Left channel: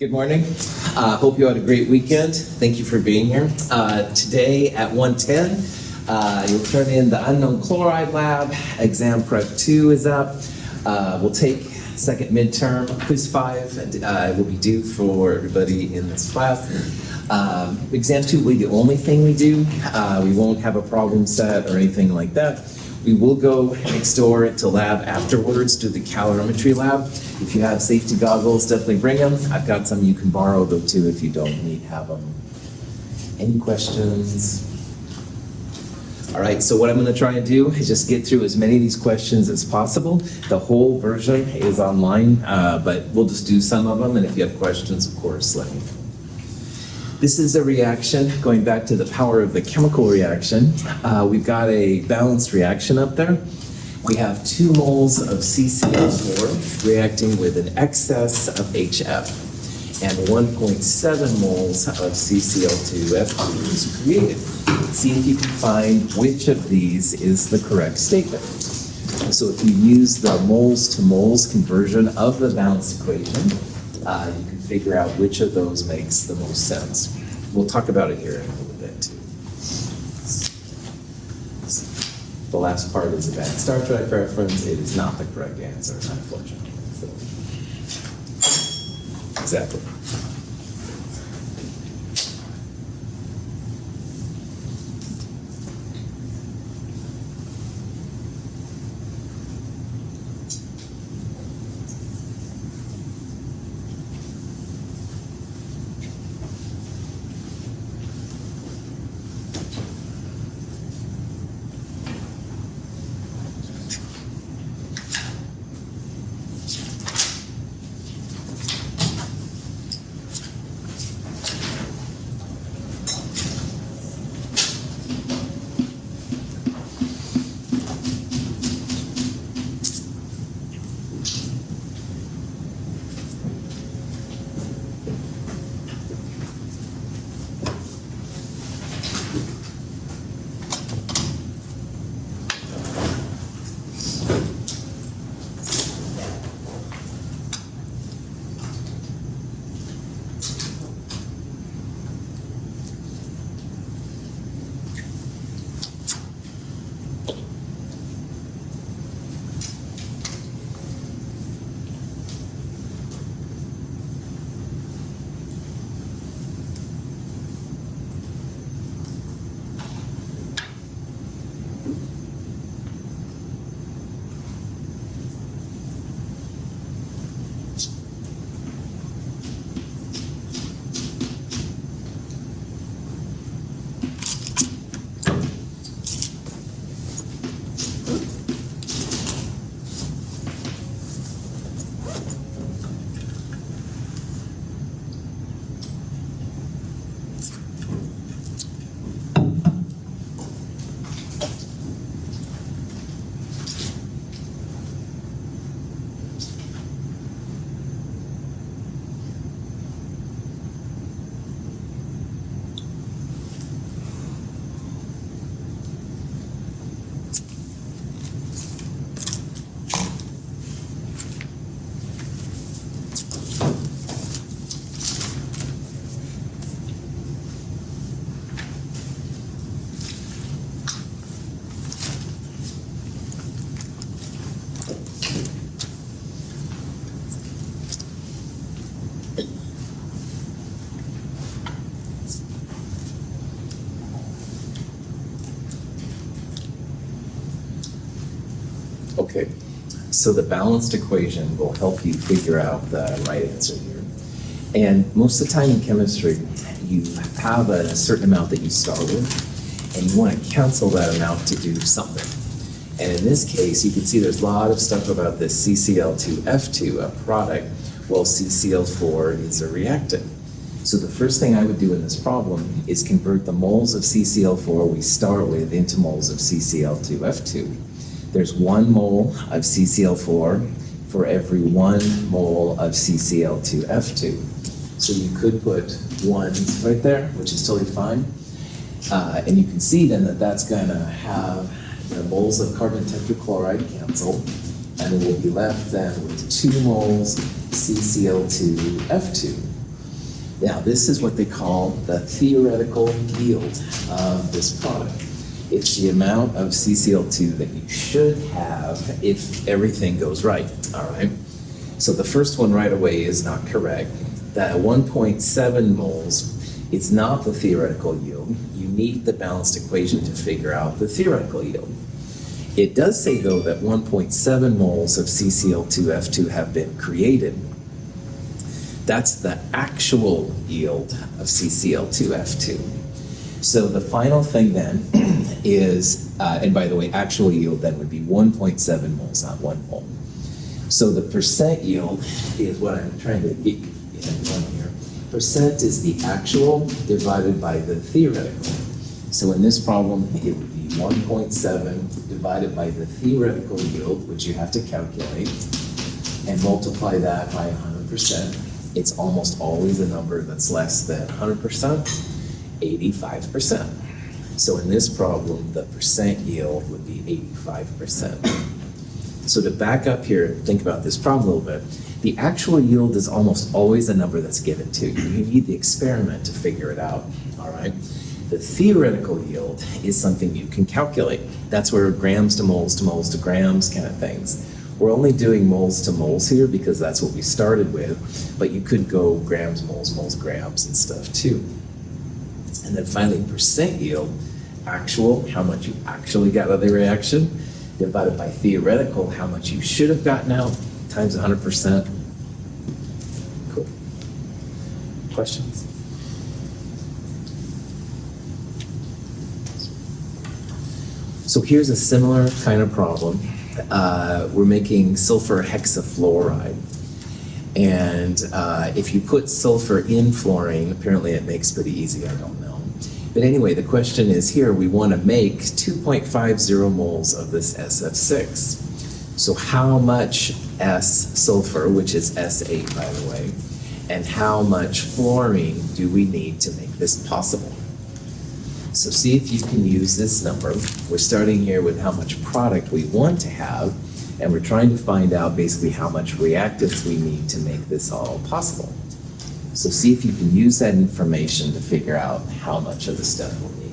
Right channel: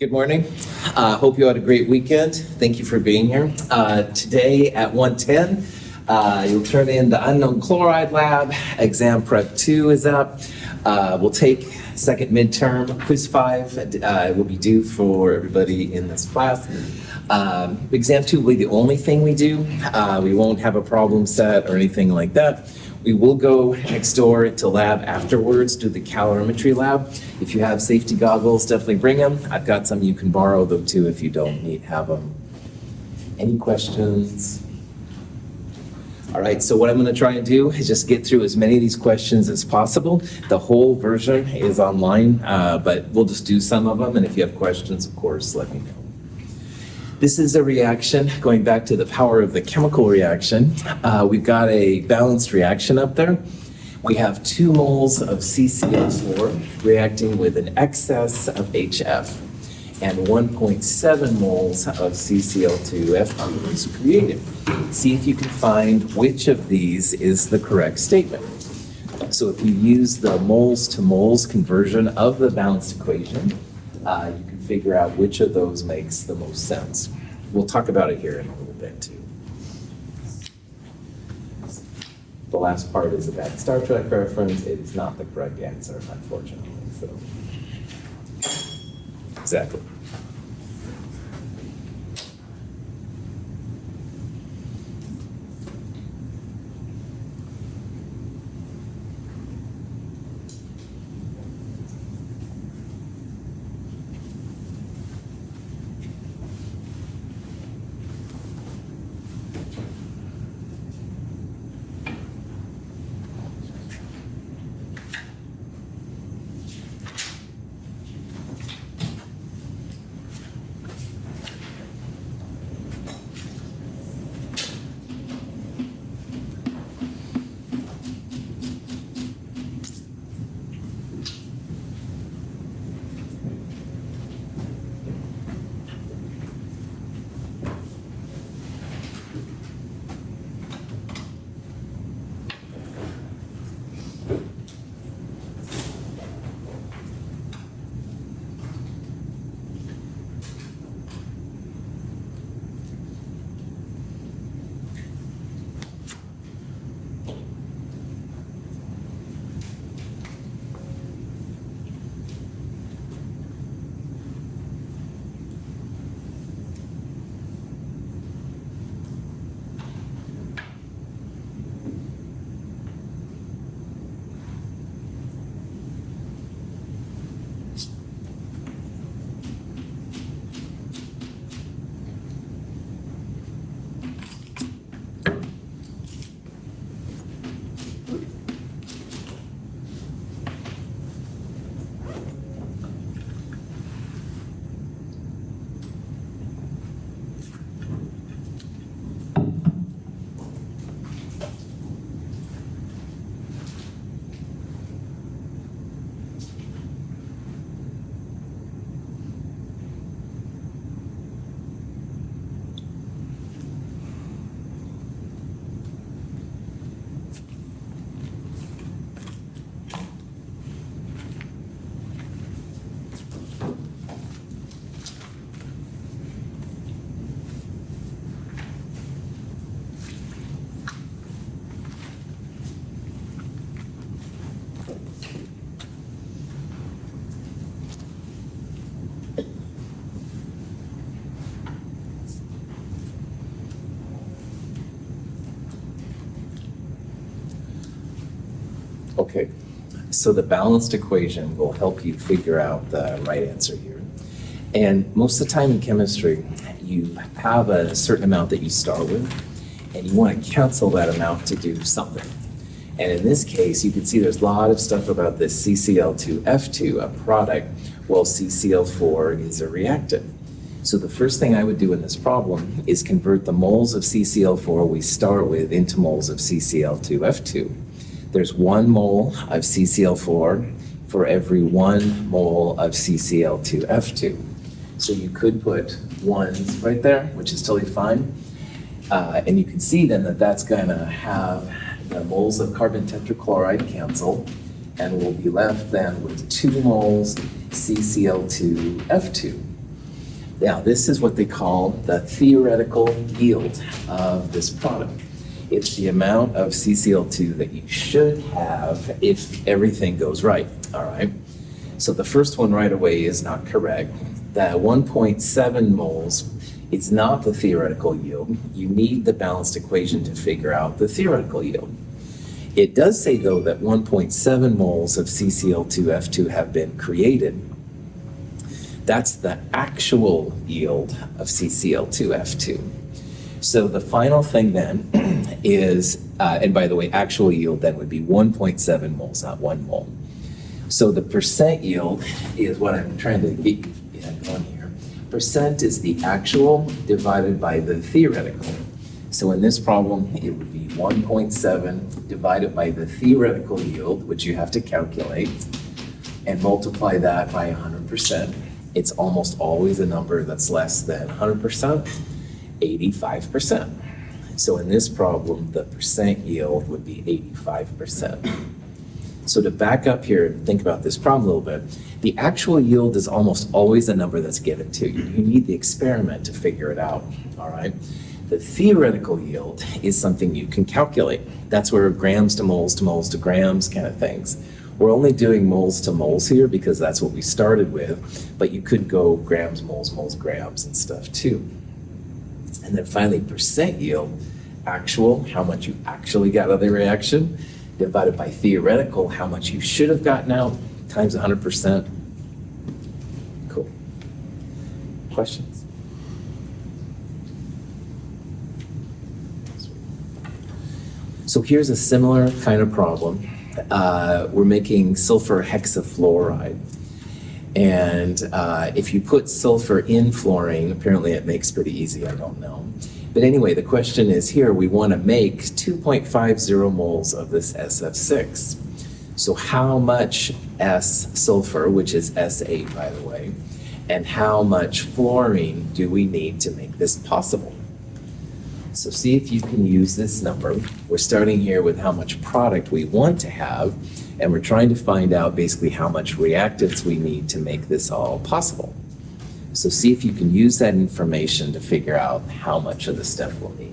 Good morning. Hope you had a great weekend. Thank you for being here. Today at 1:10, you'll turn in the unknown chloride lab. Exam prep 2 is up. We'll take second midterm. Quiz 5 will be due for everybody in this class. Exam 2 will be the only thing we do. We won't have a problem set or anything like that. We will go next door to lab afterwards to the calorimetry lab. If you have safety goggles, definitely bring them. I've got some you can borrow though too if you don't have them. Any questions? All right, so what I'm going to try and do is just get through as many of these questions as possible. The whole version is online, but we'll just do some of them, and if you have questions, of course, let me know. This is a reaction, going back to the power of the chemical reaction. We've got a balanced reaction up there. We have 2 moles of CCl4 reacting with an excess of HF, and 1.7 moles of CCl2F2 is created. See if you can find which of these is the correct statement. So if you use the moles to moles conversion of the balanced equation, you can figure out which of those makes the most sense. We'll talk about it here in a little bit too. The last part is a bad Star Trek reference. It is not the correct answer, unfortunately. So, exactly. Okay, so the balanced equation will help you figure out the right answer here. And most of the time in chemistry, you have a certain amount that you start with, and you want to cancel that amount to do something. And in this case, you can see there's a lot of stuff about this CCl2F2, a product, while CCl4 is a reactant. So the first thing I would do in this problem is convert the moles of CCl4 we start with into moles of CCl2F2. There's 1 mole of CCl4 for every 1 mole of CCl2F2. So you could put 1 right there, which is totally fine. And you can see then that that's going to have the moles of carbon tetrachloride cancel, and we'll be left then with 2 moles CCl2F2. Now, this is what they call the theoretical yield of this product. It's the amount of CCl2 that you should have if everything goes right, all right? So the first one right away is not correct. That 1.7 moles is not the theoretical yield. You need the balanced equation to figure out the theoretical yield. It does say, though, that 1.7 moles of CCl2F2 have been created. That's the actual yield of CCl2F2. So the final thing then is, and by the way, actual yield then would be 1.7 moles, not 1 mole. So the percent yield is what I'm trying to get done here. Percent is the actual divided by the theoretical. So in this problem, it would be 1.7 divided by the theoretical yield, which you have to calculate, and multiply that by 100%. It's almost always a number that's less than 100%, 85%. So in this problem, the percent yield would be 85%. So to back up here and think about this problem a little bit, the actual yield is almost always a number that's given to you. You need the experiment to figure it out, all right? The theoretical yield is something you can calculate. That's where grams to moles to moles to grams kind of things. We're only doing moles to moles here because that's what we started with, but you could go grams, moles, moles, grams and stuff too. And then finally, percent yield, actual, how much you actually got out of the reaction, divided by theoretical, how much you should have gotten out, times 100%. Cool. Questions? So here's a similar kind of problem. We're making sulfur hexafluoride. And if you put sulfur in fluorine, apparently it makes pretty easy, I don't know. But anyway, the question is here, we want to make 2.50 moles of this SF6. So how much S sulfur, which is S8 by the way, and how much fluorine do we need to make this possible? So see if you can use this number. We're starting here with how much product we want to have, and we're trying to find out basically how much reactants we need to make this all possible. So see if you can use that information to figure out how much of the stuff we'll need.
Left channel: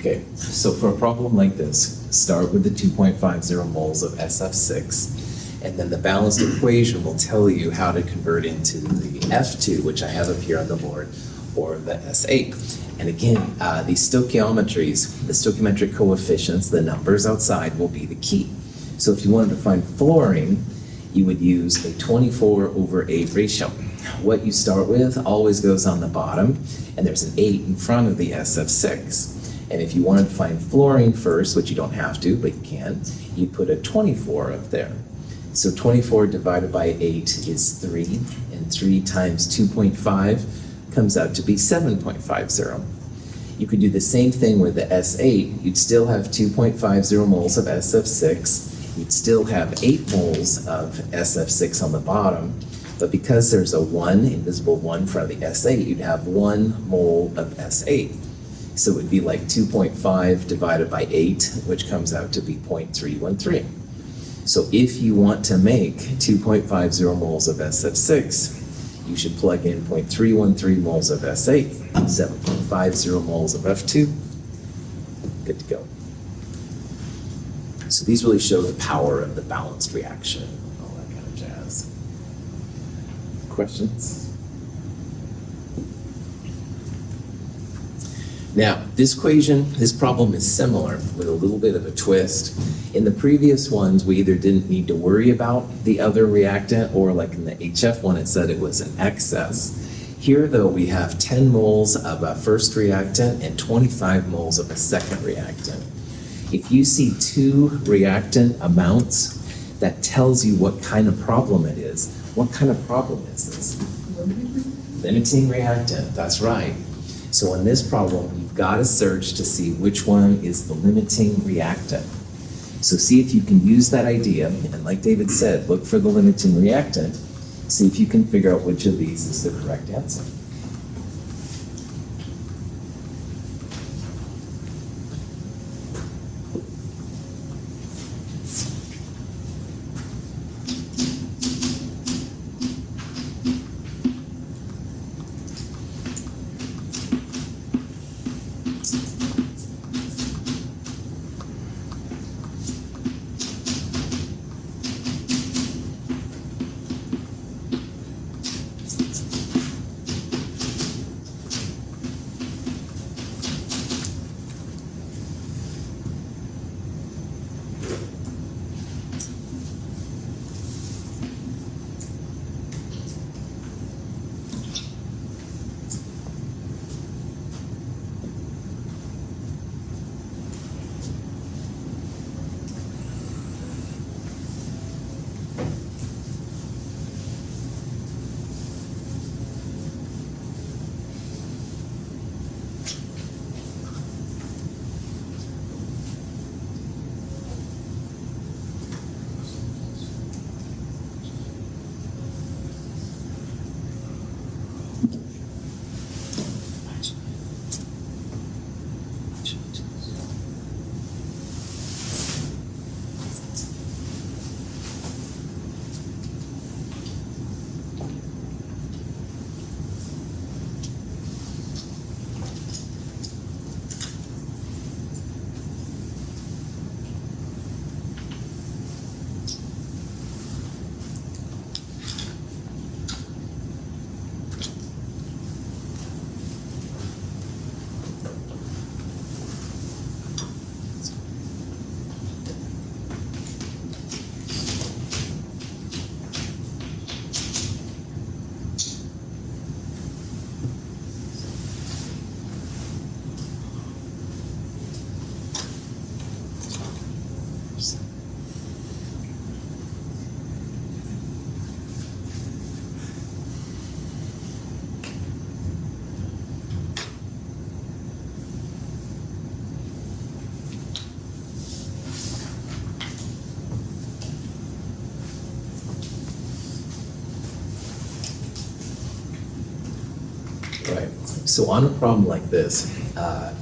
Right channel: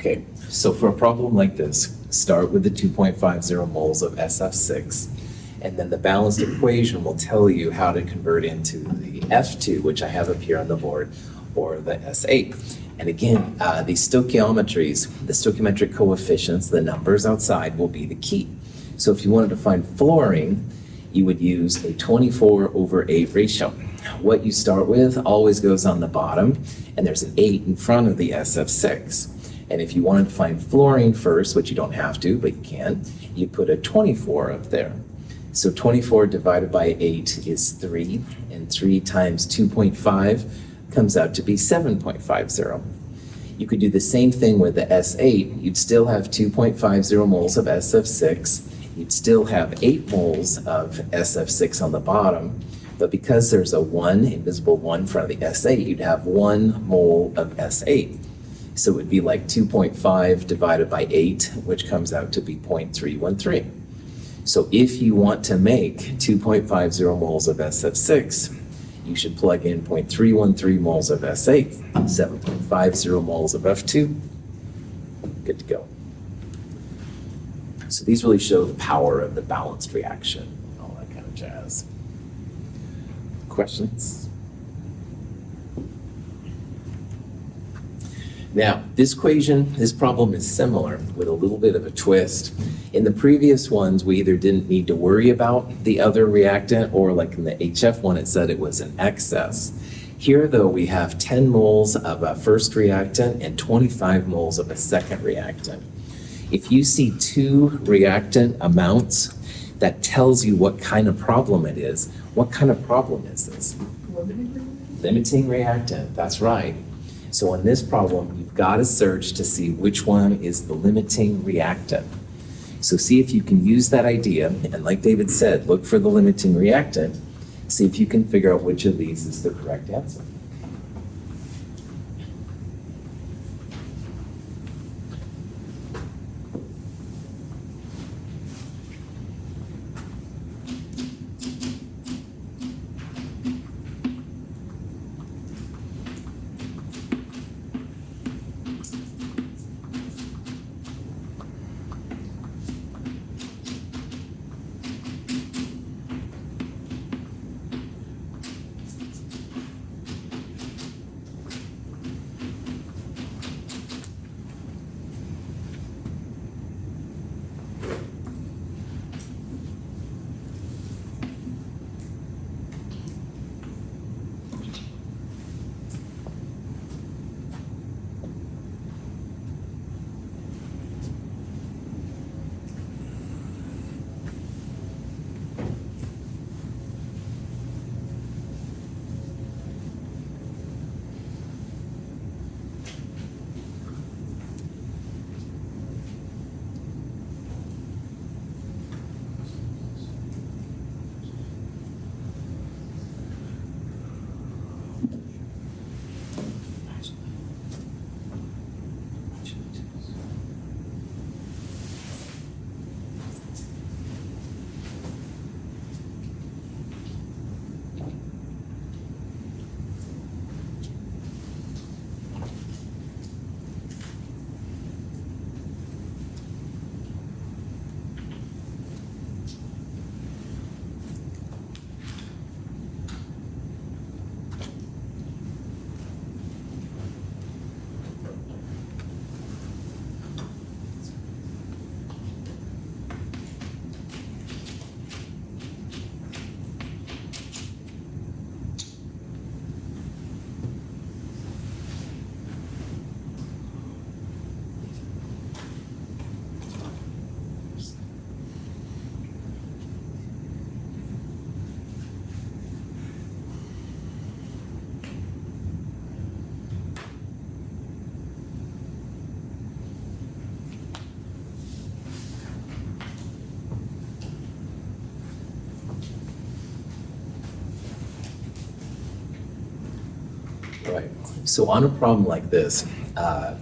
Okay, so for a problem like this, start with the 2.50 moles of SF6, and then the balanced equation will tell you how to convert into the F2, which I have up here on the board, or the S8. And again, these stoichiometries, the stoichiometric coefficients, the numbers outside will be the key. So if you wanted to find fluorine, you would use a 24/8 ratio. What you start with always goes on the bottom, and there's an 8 in front of the SF6. And if you wanted to find fluorine first, which you don't have to, but you can, you put a 24 up there. So 24 divided by 8 is 3, and 3 times 2.5 comes out to be 7.50. You could do the same thing with the S8. You'd still have 2.50 moles of SF6. You'd still have 8 moles of SF6 on the bottom, but because there's a 1, invisible 1 in front of the S8, you'd have 1 mole of S8. So it would be like 2.5 divided by 8, which comes out to be 0.313. So if you want to make 2.50 moles of SF6, you should plug in 0.313 moles of S8, 7.50 moles of F2, good to go. So these really show the power of the balanced reaction, all that kind of jazz. Questions? Now, this equation, this problem is similar with a little bit of a twist. In the previous ones, we either didn't need to worry about the other reactant, or like in the HF one, it said it was an excess. Here, though, we have 10 moles of a first reactant and 25 moles of a second reactant. If you see 2 reactant amounts, that tells you what kind of problem it is. What kind of problem is this? Limiting reactant, that's right. So in this problem, you've got to search to see which one is the limiting reactant. So see if you can use that idea, and like David said, look for the limiting reactant, see if you can figure out which of these is the correct answer. Right. So on a problem like this,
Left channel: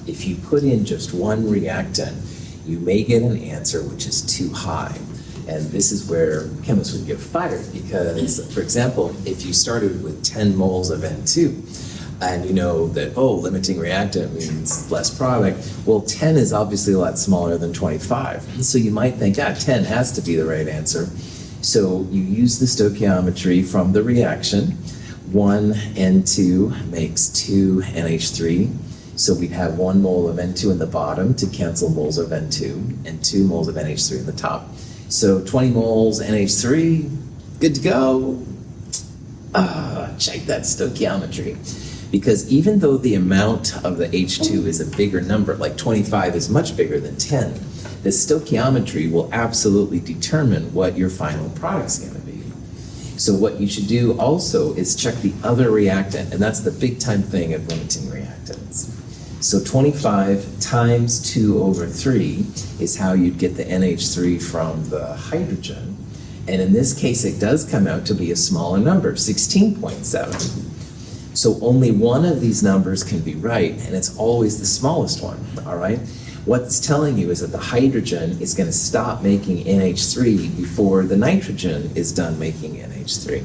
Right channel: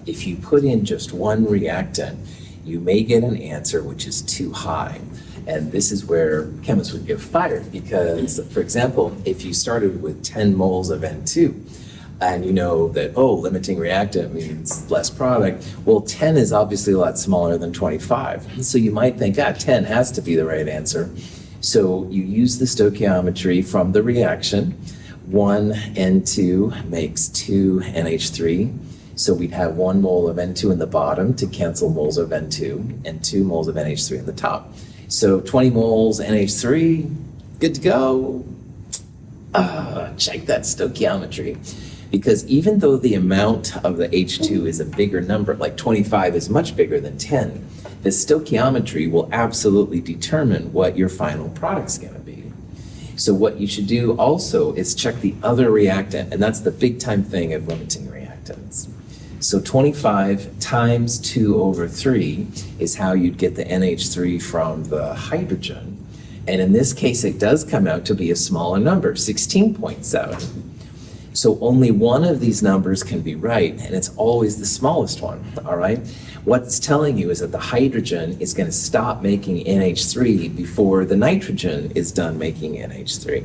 if you put in just one reactant, you may get an answer which is too high. And this is where chemists would get fired because, for example, if you started with 10 moles of N2, and you know that, oh, limiting reactant means less product. Well, 10 is obviously a lot smaller than 25. So you might think, 10 has to be the right answer. So you use the stoichiometry from the reaction. 1 N2 makes 2 NH3. So we'd have 1 mole of N2 in the bottom to cancel moles of N2 and 2 moles of NH3 in the top. So 20 moles NH3, good to go. Check that stoichiometry. Because even though the amount of the H2 is a bigger number, like 25 is much bigger than 10, the stoichiometry will absolutely determine what your final product's going to be. So what you should do also is check the other reactant, and that's the big time thing of limiting reactants. So 25 times 2 over 3 is how you'd get the NH3 from the hydrogen. And in this case, it does come out to be a smaller number, 16.7. So only one of these numbers can be right, and it's always the smallest one, all right? What it's telling you is that the hydrogen is going to stop making NH3 before the nitrogen is done making NH3.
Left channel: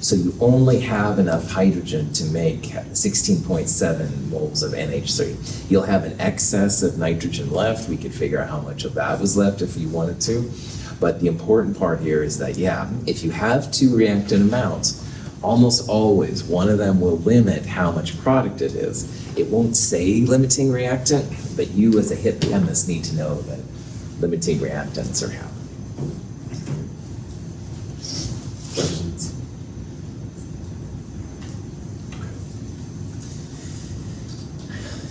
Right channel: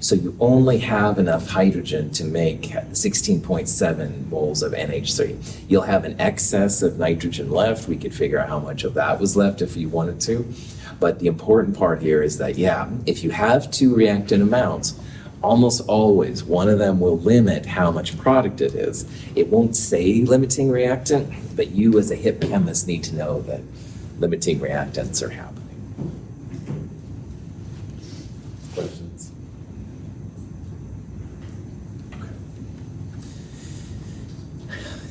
So you only have enough hydrogen to make 16.7 moles of NH3. You'll have an excess of nitrogen left. We could figure out how much of that was left if you wanted to. But the important part here is that, yeah, if you have two reactant amounts, almost always one of them will limit how much product it is. It won't say limiting reactant, but you as a hip chemist need to know that limiting reactants are happening. Questions?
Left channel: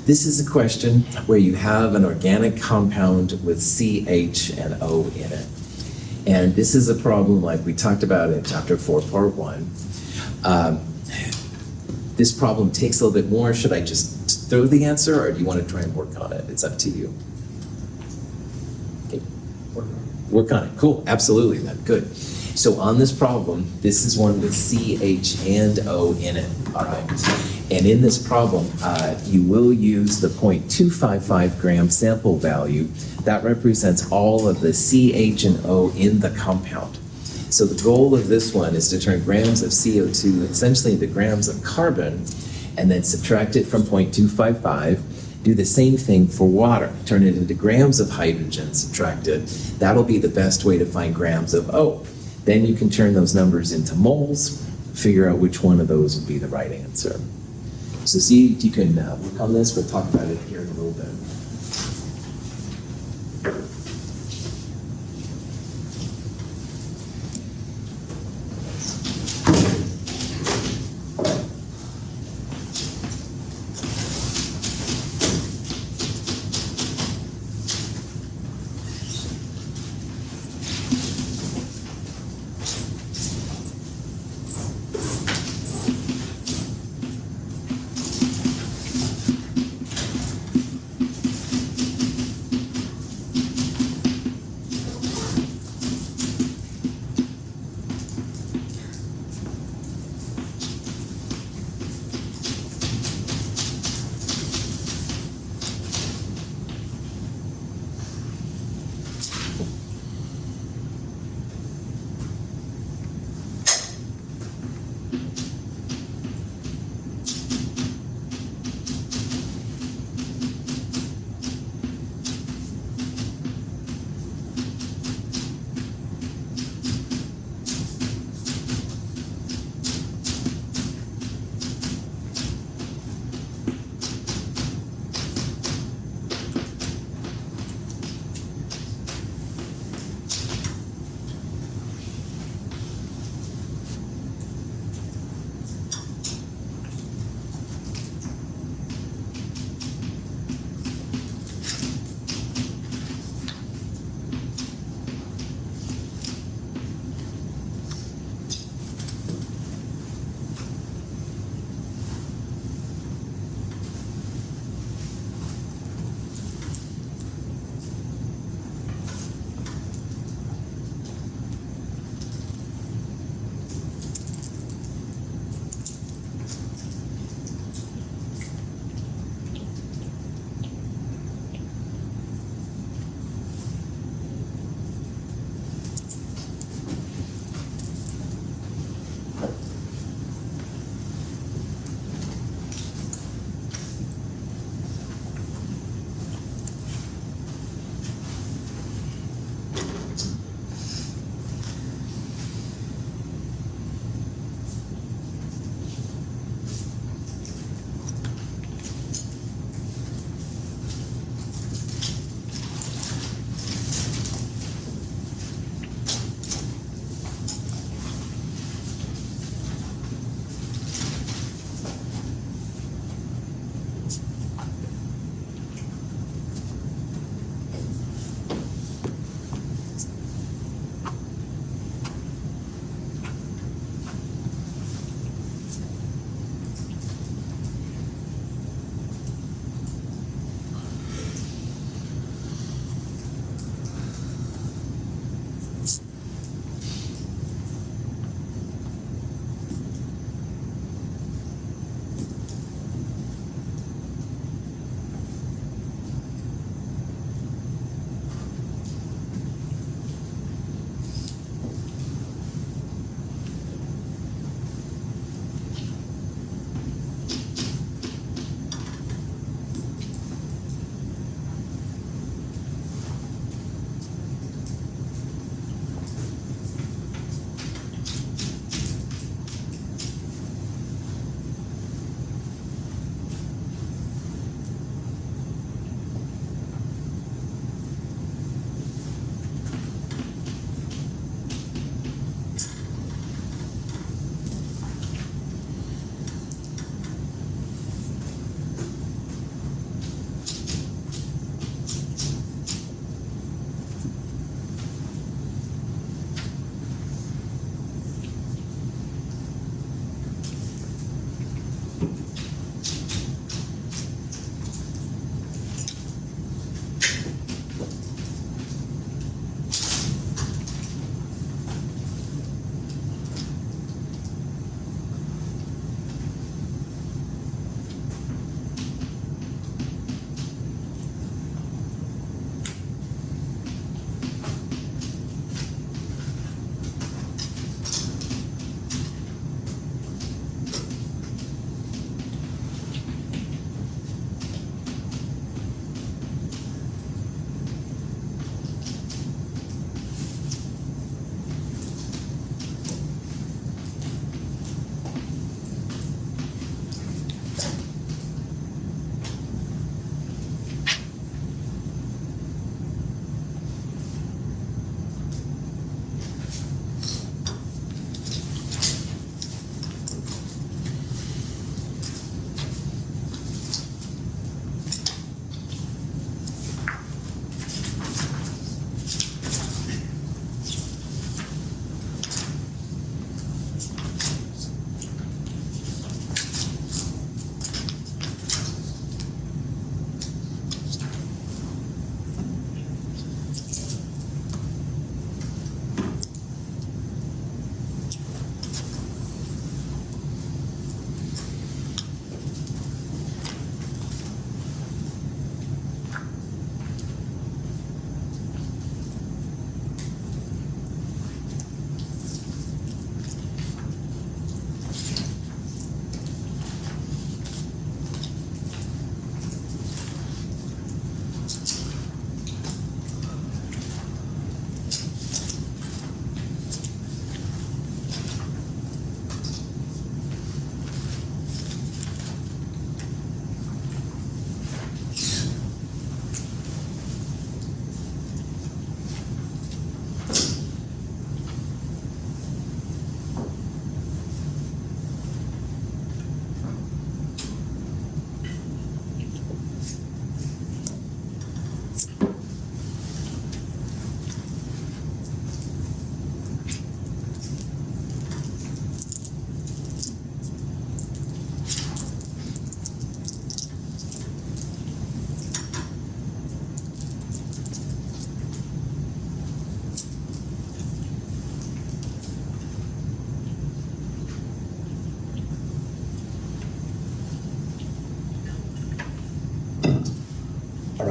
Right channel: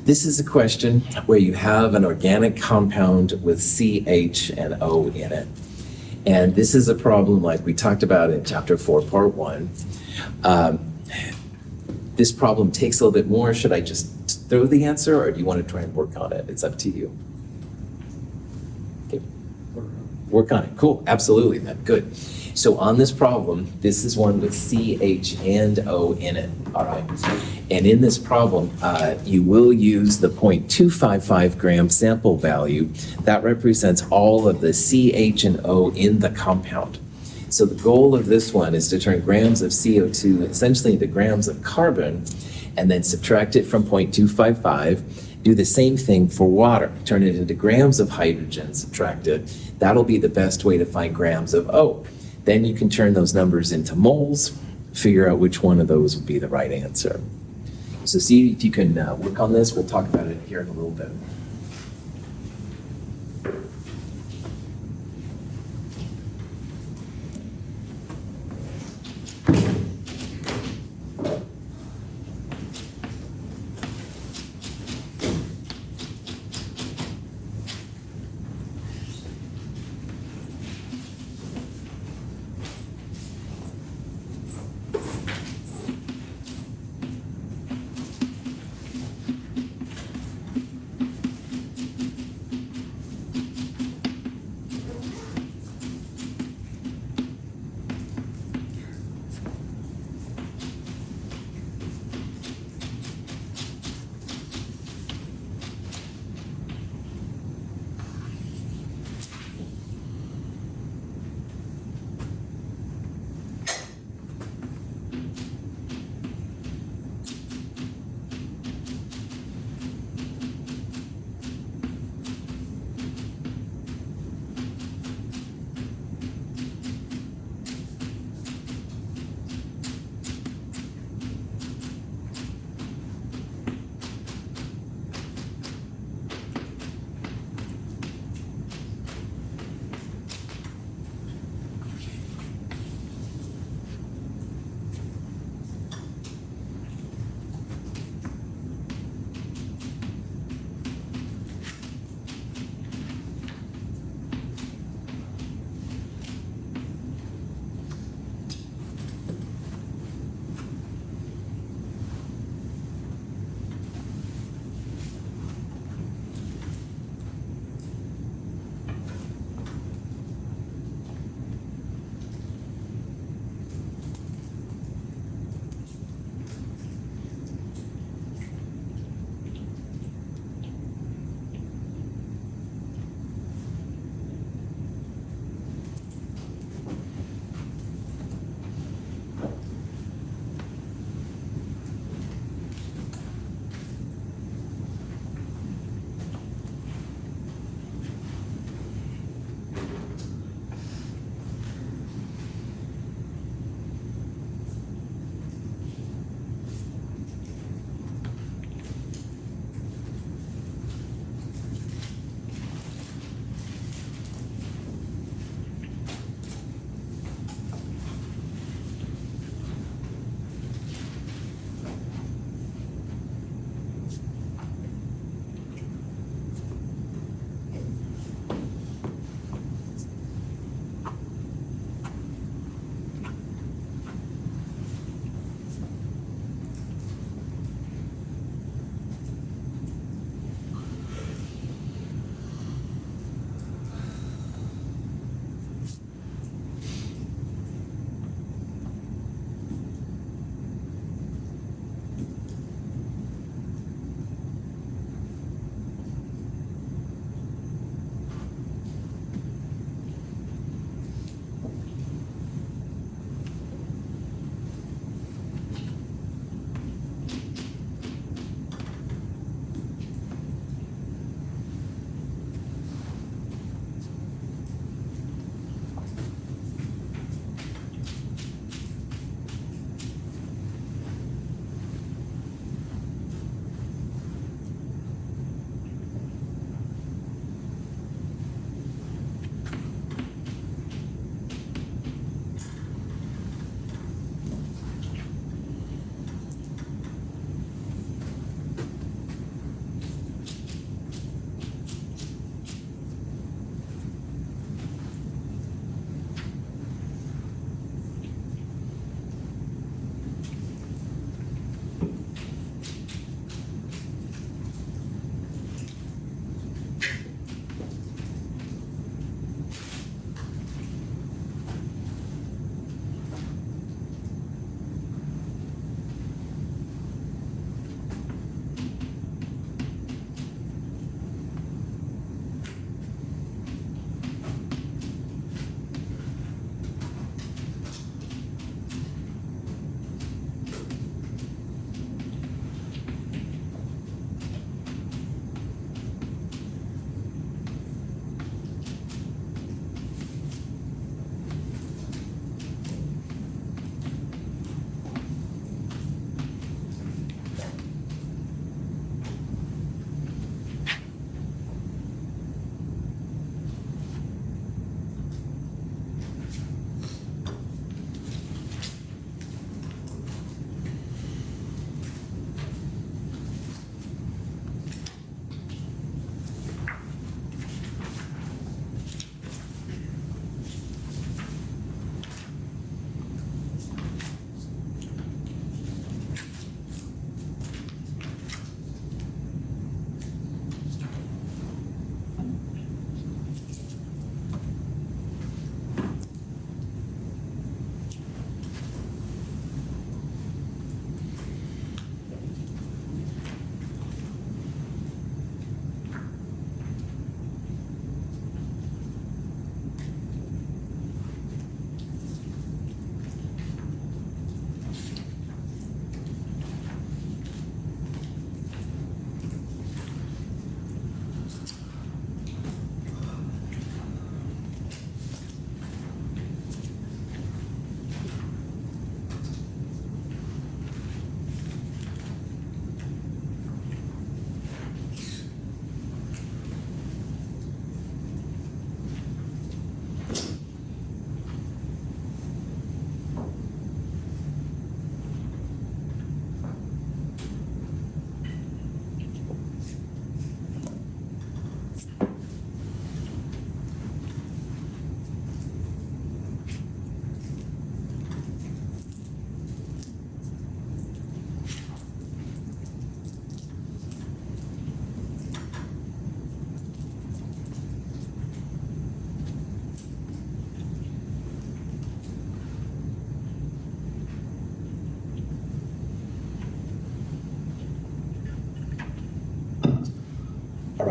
This is a question where you have an organic compound with CH and O in it. And this is a problem like we talked about in chapter 4, part 1. This problem takes a little bit more. Should I just throw the answer, or do you want to try and work on it? It's up to you. Okay. Work on it. Cool. Absolutely, then. Good. So on this problem, this is one with CH and O in it. All right. And in this problem, you will use the 0.255 gram sample value. That represents all of the CH and O in the compound. So the goal of this one is to turn grams of CO2 essentially into grams of carbon, and then subtract it from 0.255. Do the same thing for water. Turn it into grams of hydrogen, subtract it. That'll be the best way to find grams of O. Then you can turn those numbers into moles, figure out which one of those would be the right answer. So see if you can work on this. We'll talk about it here in a little bit.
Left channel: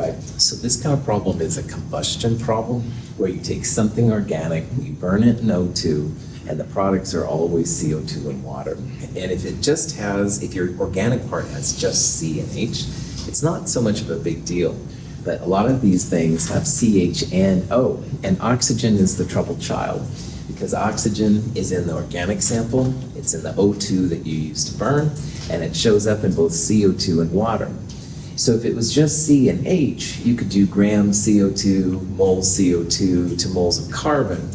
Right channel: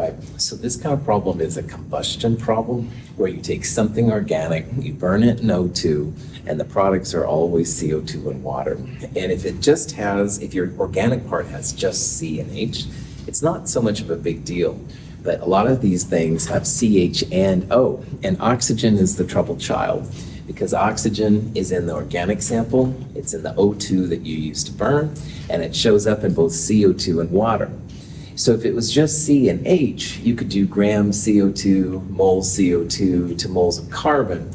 right, so this kind of problem is a combustion problem where you take something organic, you burn it in O2, and the products are always CO2 and water. And if your organic part has just C and H, it's not so much of a big deal. But a lot of these things have CH and O, and oxygen is the troubled child because oxygen is in the organic sample, it's in the O2 that you use to burn, and it shows up in both CO2 and water. So if it was just C and H, you could do grams CO2, moles CO2 to moles of carbon,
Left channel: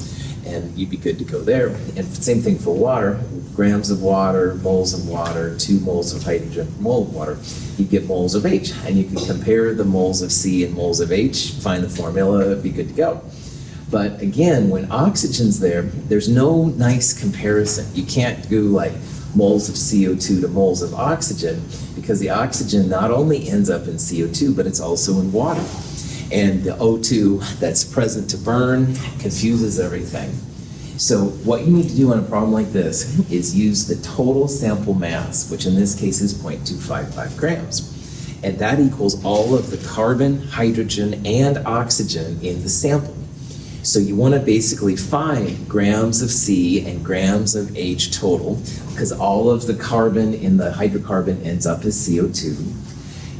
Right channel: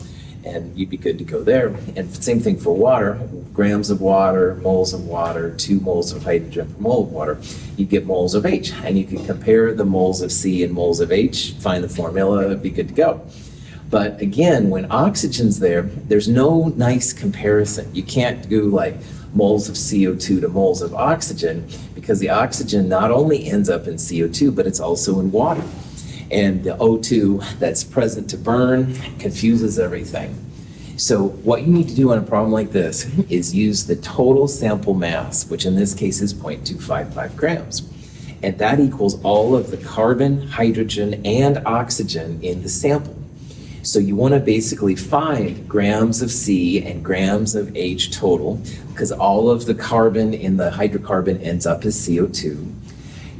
and you'd be good to go there. And same thing for water, grams of water, 2 moles of hydrogen per mole of water, you get moles of H. And you can compare the moles of C and moles of H, find the formula, it'd be good to go. But again, when oxygen's there, there's no nice comparison. You can't do like moles of CO2 to moles of oxygen because the oxygen not only ends up in CO2, but it's also in water. And the O2 that's present to burn confuses everything. So what you need to do on a problem like this is use the total sample mass, which in this case is 0.255 grams. And that equals all of the carbon, hydrogen, and oxygen in the sample. So you want to basically find grams of C and grams of H total, because all of the carbon in the hydrocarbon ends up as CO2.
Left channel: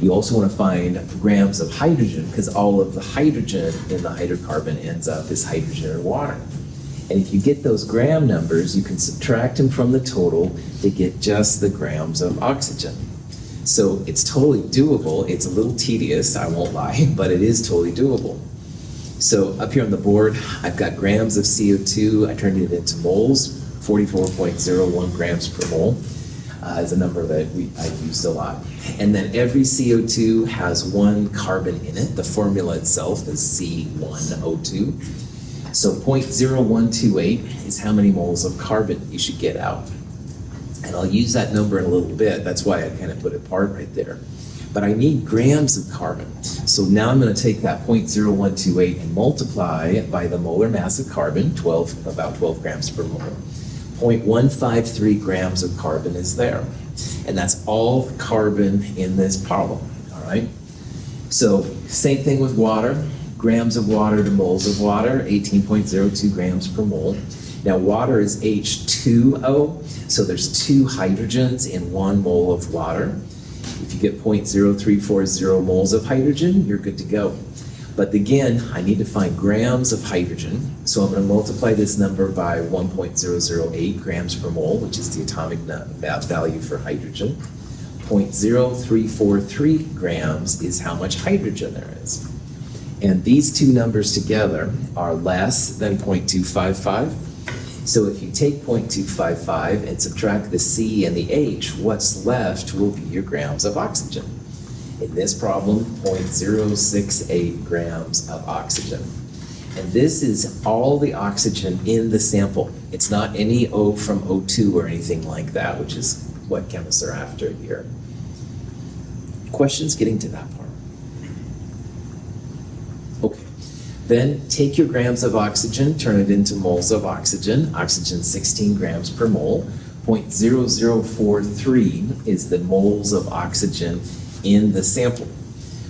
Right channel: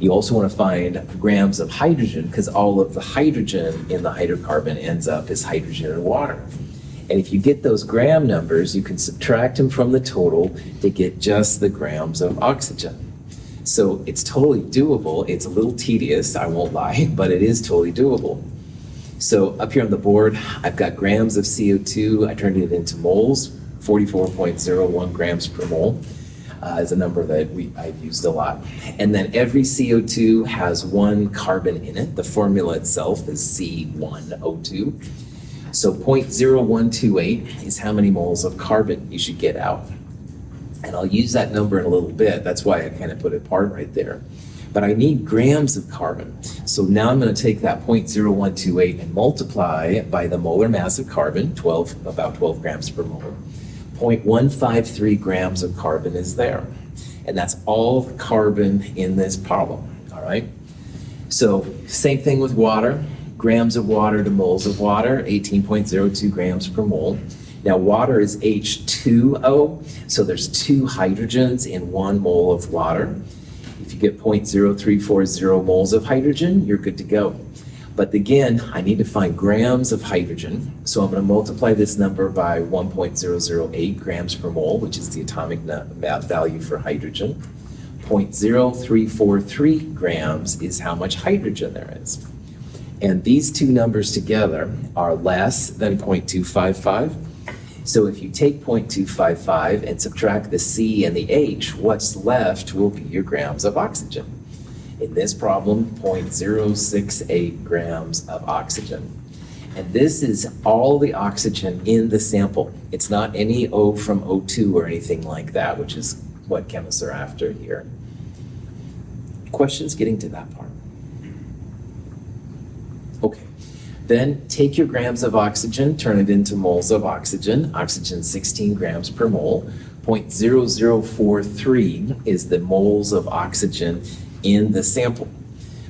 You also want to find grams of hydrogen, because all of the hydrogen in the hydrocarbon ends up as hydrogen and water. And if you get those gram numbers, you can subtract them from the total to get just the grams of oxygen. So it's totally doable. It's a little tedious, I won't lie, but it is totally doable. So up here on the board, I've got grams of CO2. I turned it into moles. 44.01 grams per mole is a number that I've used a lot. And then every CO2 has 1 carbon in it. The formula itself is C1O2. So 0.0128 is how many moles of carbon you should get out. And I'll use that number in a little bit. That's why I kind of put it apart right there. But I need grams of carbon. So now I'm going to take that 0.0128 and multiply it by the molar mass of carbon, about 12 grams per mole. 0.153 grams of carbon is there. And that's all the carbon in this problem, all right? So same thing with water. Grams of water to moles of water, 18.02 grams per mole. Now water is H2O, so there's 2 hydrogens in 1 mole of water. If you get 0.0340 moles of hydrogen, you're good to go. But again, I need to find grams of hydrogen. So I'm going to multiply this number by 1.008 grams per mole, which is the atomic value for hydrogen. 0.0343 grams is how much hydrogen there is. And these two numbers together are less than 0.255. So if you take 0.255 and subtract the C and the H, what's left will be your grams of oxygen. In this problem, 0.068 grams of oxygen. And this is all the oxygen in the sample. It's not any O from O2 or anything like that, which is what chemists are after here. Questions getting to that part? Okay. Then take your grams of oxygen, turn it into moles of oxygen. Oxygen 16 grams per mole. 0.0043 is the moles of oxygen in the sample.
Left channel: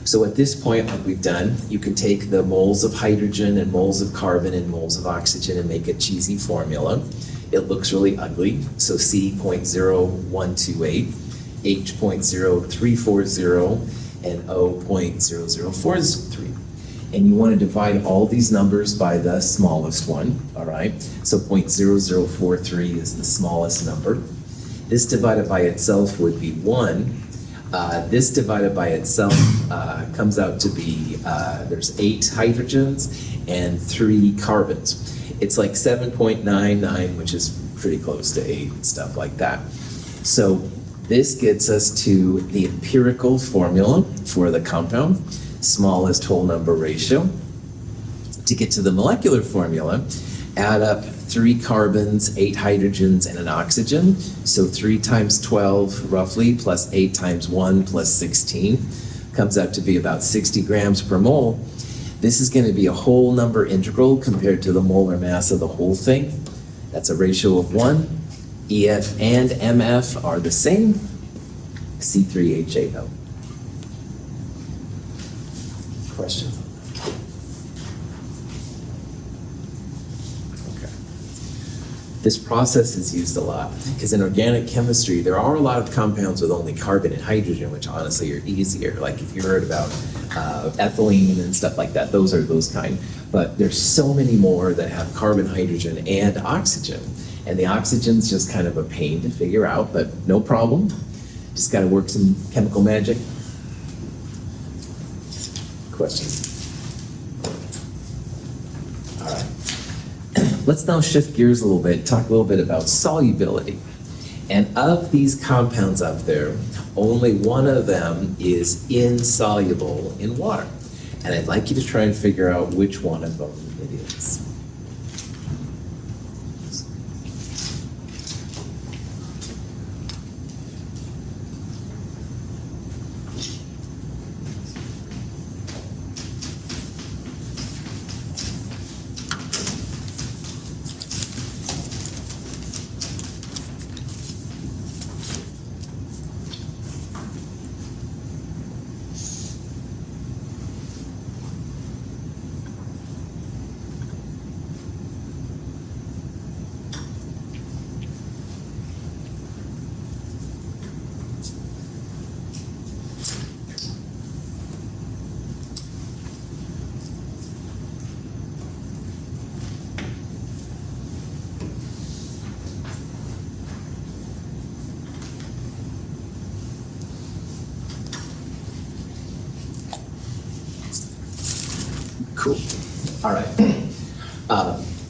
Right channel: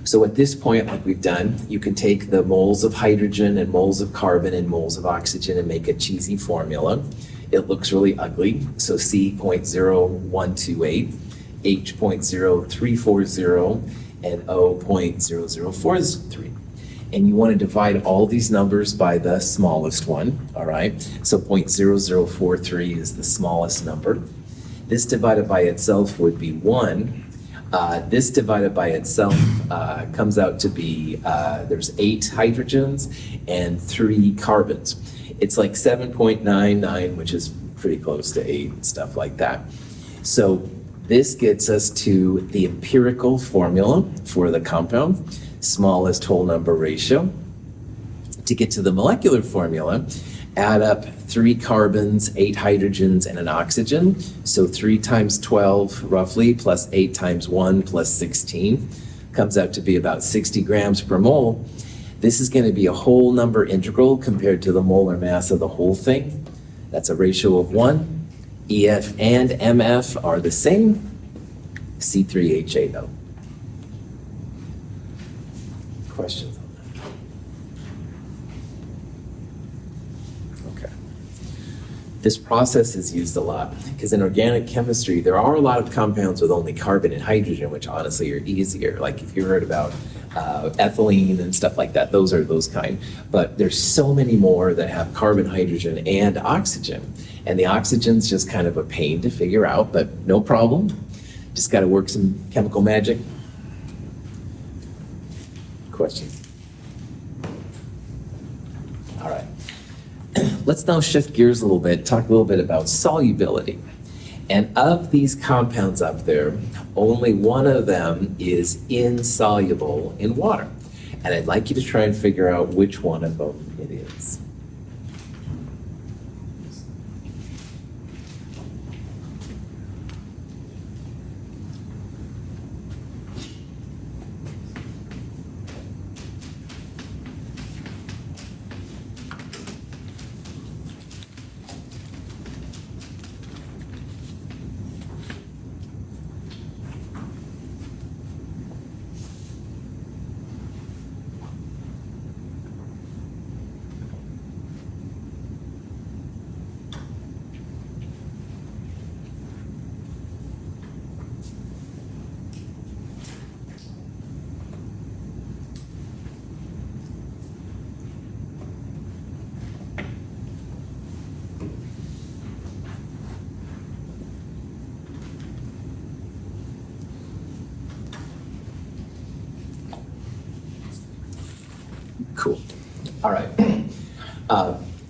So at this point, like we've done, you can take the moles of hydrogen and moles of carbon and moles of oxygen and make a cheesy formula. It looks really ugly. So C 0.0128, H 0.0340, and O 0.0043. And you want to divide all these numbers by the smallest one, all right? So 0.0043 is the smallest number. This divided by itself would be 1. This divided by itself comes out to be, there's 8 hydrogens and 3 carbons. It's like 7.99, which is pretty close to 8 and stuff like that. So this gets us to the empirical formula for the compound, smallest whole number ratio. To get to the molecular formula, add up 3 carbons, 8 hydrogens, and an oxygen. So 3 times 12, roughly, plus 8 times 1 plus 16 comes out to be about 60 grams per mole. This is going to be a whole number integral compared to the molar mass of the whole thing. That's a ratio of 1. EF and MF are the same, C3H8O. Questions? Okay. This process is used a lot because in organic chemistry, there are a lot of compounds with only carbon and hydrogen, which honestly are easier. Like if you heard about ethylene and stuff like that, those are those kind. But there's so many more that have carbon, hydrogen, and oxygen. And the oxygen's just kind of a pain to figure out, but no problem. Just got to work some chemical magic. Questions? All right. Let's now shift gears a little bit, talk a little bit about solubility. And of these compounds up there, only one of them is insoluble in water. And I'd like you to try and figure out which one of them it is. Cool. All right.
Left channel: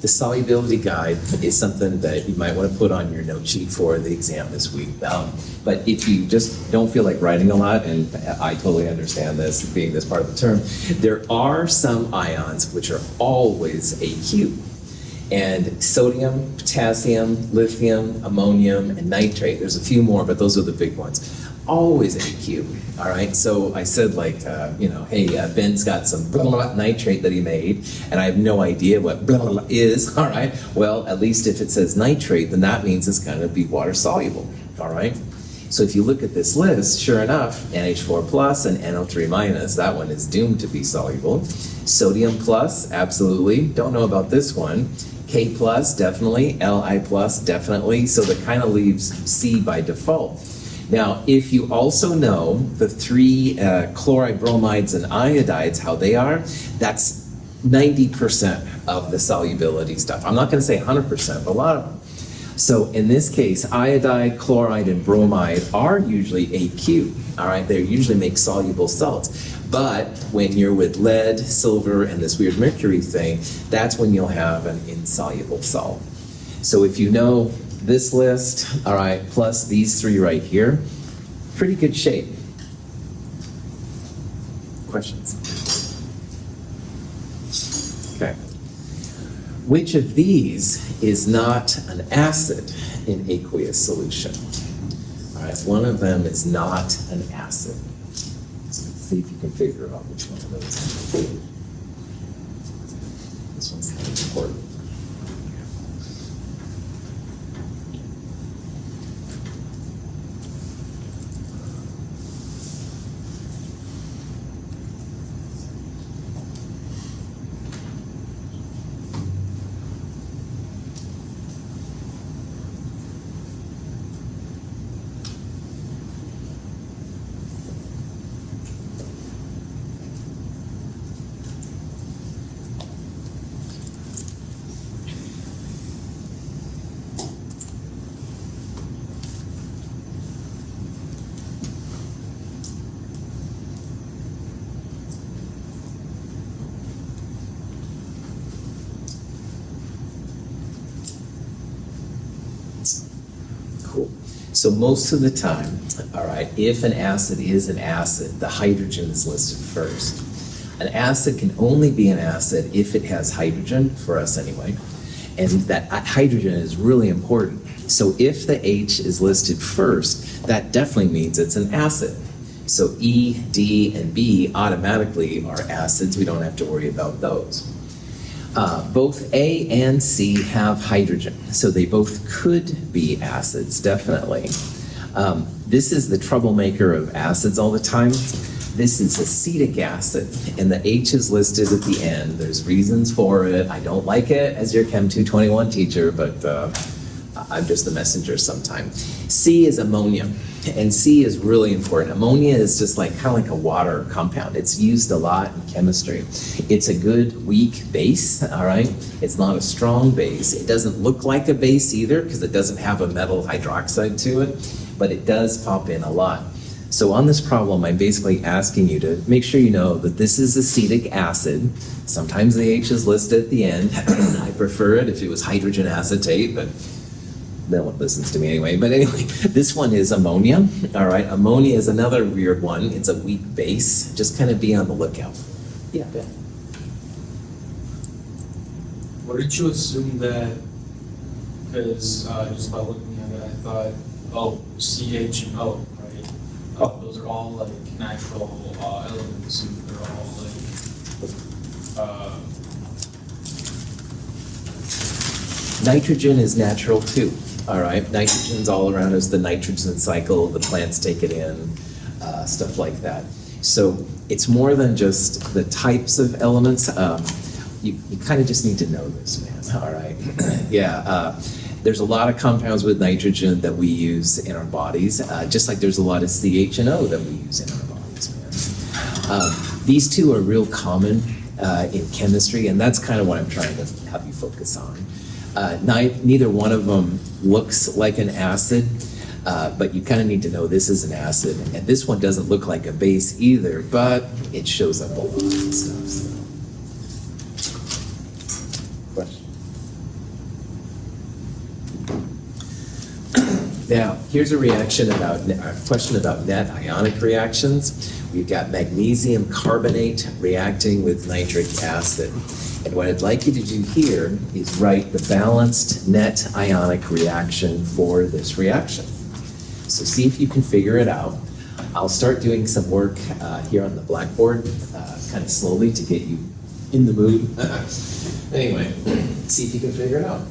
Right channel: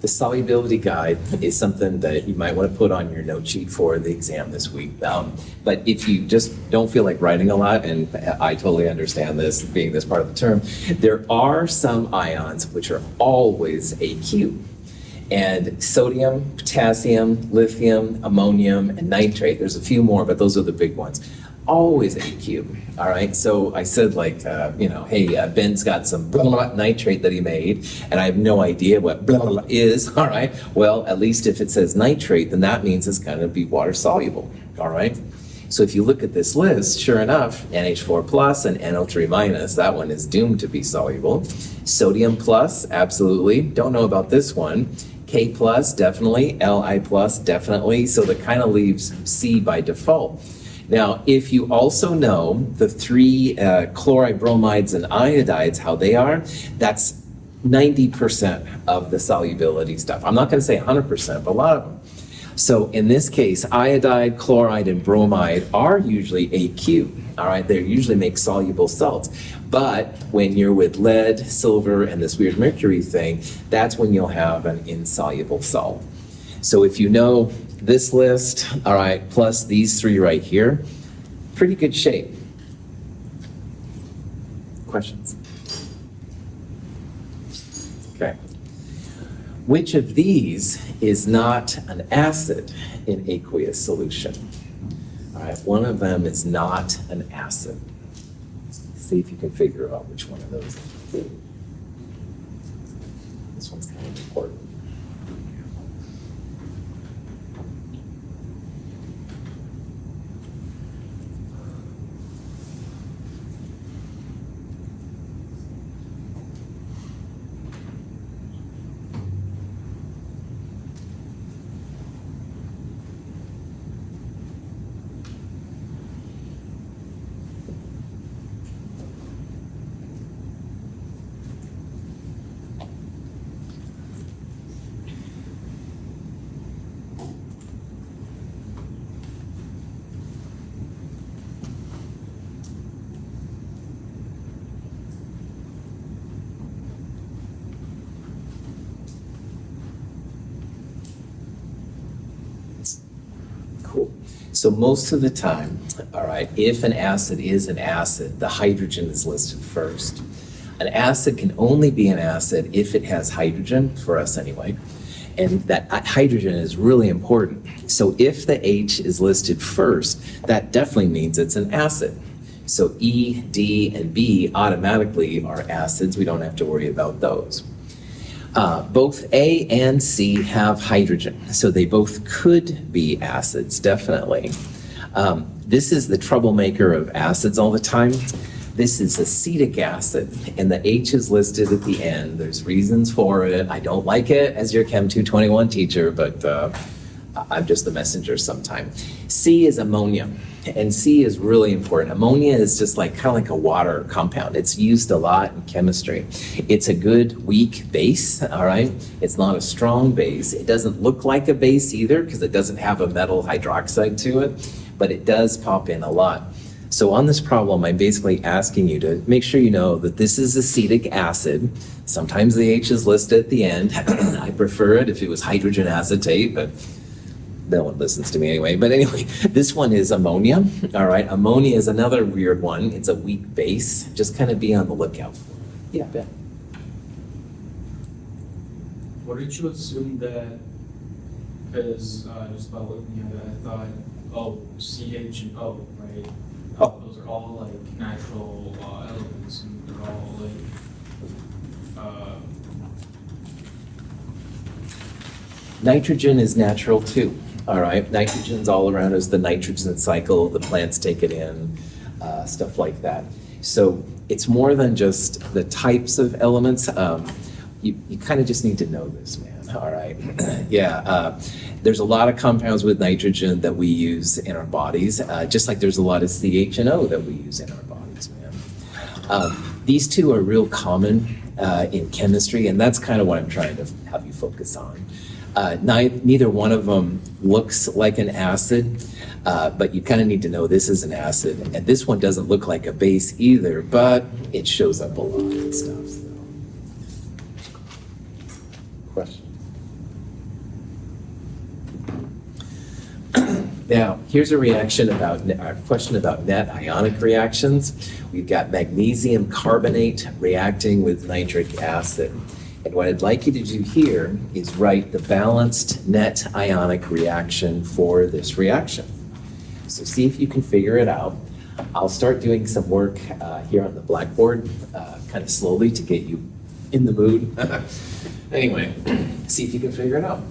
The solubility guide is something that you might want to put on your note sheet for the exam this week. But if you just don't feel like writing a lot, and I totally understand this, being this part of the term, there are some ions which are always AQ. And sodium, potassium, lithium, ammonium, and nitrate. There's a few more, but those are the big ones. Always AQ, all right? So I said like, hey, Ben's got some blah, blah, blah nitrate that he made, and I have no idea what blah, blah, blah is, all right? Well, at least if it says nitrate, then that means it's gonna be water soluble, all right? So if you look at this list, sure enough, NH4 plus and NO3 minus, that one is doomed to be soluble. Sodium plus, absolutely, don't know about this one. K plus, definitely, Li plus, definitely, so that kind of leaves C by default. Now, if you also know the three chloride, bromides, and iodides, how they are, that's 90% of the solubility stuff. I'm not going to say 100%, but a lot of them. So in this case, iodide, chloride, and bromide are usually AQ, all right? They usually make soluble salts. But when you're with lead, silver, and this weird mercury thing, that's when you'll have an insoluble salt. So if you know this list, all right, plus these three right here, pretty good shape. Questions? Okay. Which of these is not an acid in aqueous solution? All right, one of them is not an acid. See if you can figure out which one of those. This one's kind of important. So most of the time, all right, if an acid is an acid, the hydrogen is listed first. An acid can only be an acid if it has hydrogen, for us anyway, and that hydrogen is really important. So if the H is listed first, that definitely means it's an acid. So E, D, and B automatically are acids. We don't have to worry about those. Both A and C have hydrogen, so they both could be acids, definitely. This is the troublemaker of acids all the time. This is acetic acid, and the H is listed at the end. There's reasons for it. I don't like it as your Chem 221 teacher, but I'm just the messenger sometime. C is ammonia, and C is really important. Ammonia is just like kind of like a water compound. It's used a lot in chemistry. It's a good weak base, all right? It's not a strong base. It doesn't look like a base either because it doesn't have a metal hydroxide to it, but it does pop in a lot. So on this problem, I'm basically asking you to make sure you know that this is acetic acid. Sometimes the H is listed at the end. I prefer it if it was hydrogen acetate, but no one listens to me anyway. But anyway, this one is ammonia. All right, ammonia is another weird one. It's a weak base. Just kind of be on the lookout. Yeah, Ben. What did you assume that? Because just by looking at it, I thought, oh, CH and O, right? Those are all like natural elements, and they're all like. Nitrogen is natural too. All right, nitrogen's all around us. The nitrogen cycle, the plants take it in, stuff like that. So it's more than just the types of elements. You kind of just need to know this, man. All right, yeah. There's a lot of compounds with nitrogen that we use in our bodies, just like there's a lot of CH and O that we use in our bodies, man. These two are real common in chemistry, and that's kind of what I'm trying to have you focus on. Neither one of them looks like an acid, but you kind of need to know this is an acid. And this one doesn't look like a base either, but it shows up a lot and stuff. Question? Now, here's a question about net ionic reactions. We've got magnesium carbonate reacting with nitric acid. And what I'd like you to do here is write the balanced net ionic reaction for this reaction. So see if you can figure it out. I'll start doing some work here on the blackboard, kind of slowly to get you in the mood. Anyway, see if you can figure it out.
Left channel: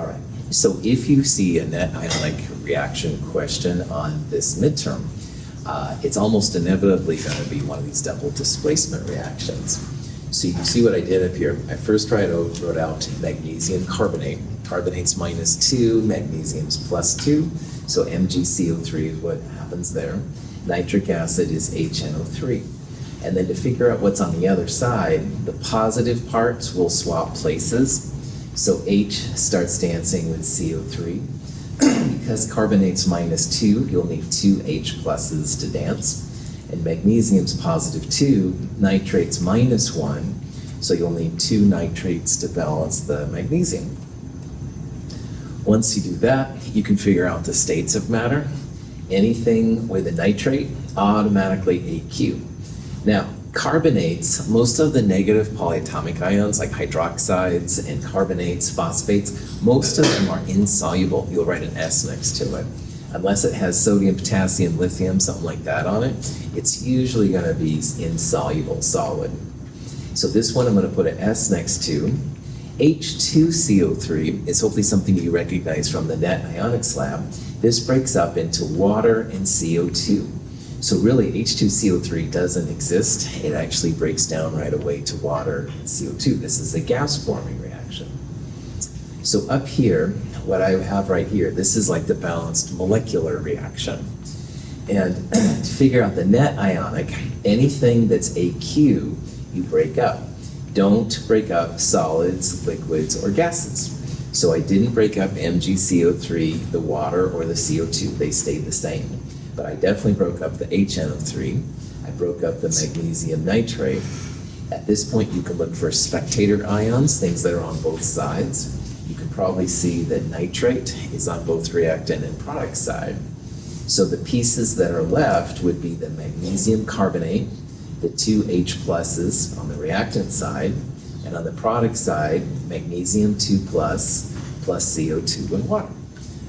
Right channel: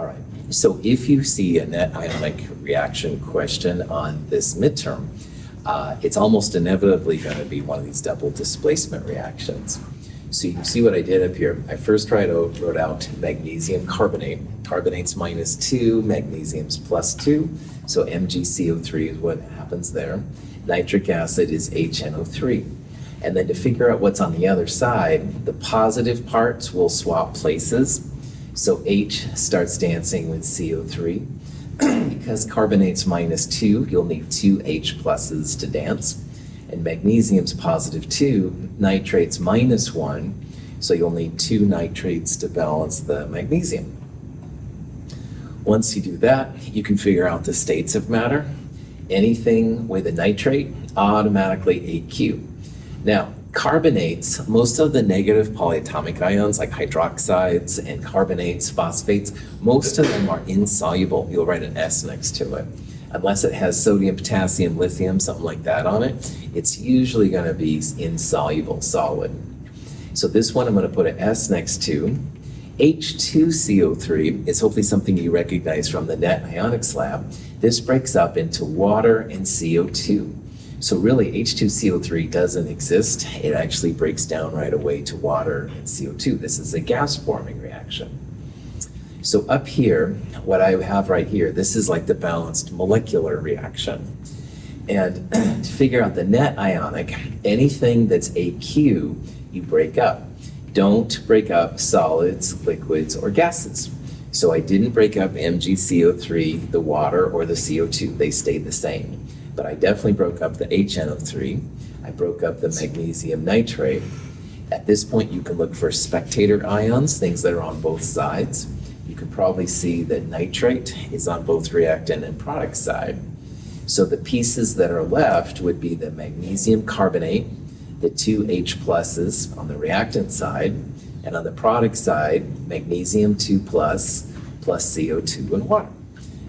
All right, so if you see a net ionic reaction question on this midterm, it's almost inevitably going to be one of these double displacement reactions. So you can see what I did up here. I first wrote out magnesium carbonate. Carbonate's -2, magnesium's +2, so MgCO3 is what happens there. Nitric acid is HNO3. And then to figure out what's on the other side, the positive parts will swap places. So H starts dancing with CO3. Because carbonate's -2, you'll need 2 H pluses to dance. And magnesium's +2, nitrate's -1, so you'll need 2 nitrates to balance the magnesium. Once you do that, you can figure out the states of matter. Anything with a nitrate, automatically AQ. Now, carbonates, most of the negative polyatomic ions like hydroxides and carbonates, phosphates, most of them are insoluble. You'll write an S next to it. Unless it has sodium, potassium, lithium, something like that on it, it's usually going to be insoluble solid. So this one I'm going to put an S next to. H2CO3 is hopefully something you recognize from the net ionics lab. This breaks up into water and CO2. So really, H2CO3 doesn't exist. It actually breaks down right away to water and CO2. This is a gas-forming reaction. So up here, what I have right here, this is like the balanced molecular reaction. And to figure out the net ionic, anything that's AQ, you break up. Don't break up solids, liquids, or gases. So I didn't break up MgCO3, the water, or the CO2. They stayed the same. But I definitely broke up the HNO3. I broke up the magnesium nitrate. At this point, you can look for spectator ions, things that are on both sides. You can probably see that nitrate is on both reactant and product side. So the pieces that are left would be the magnesium carbonate, the 2 H pluses on the reactant side, and on the product side, magnesium 2 plus CO2 and water.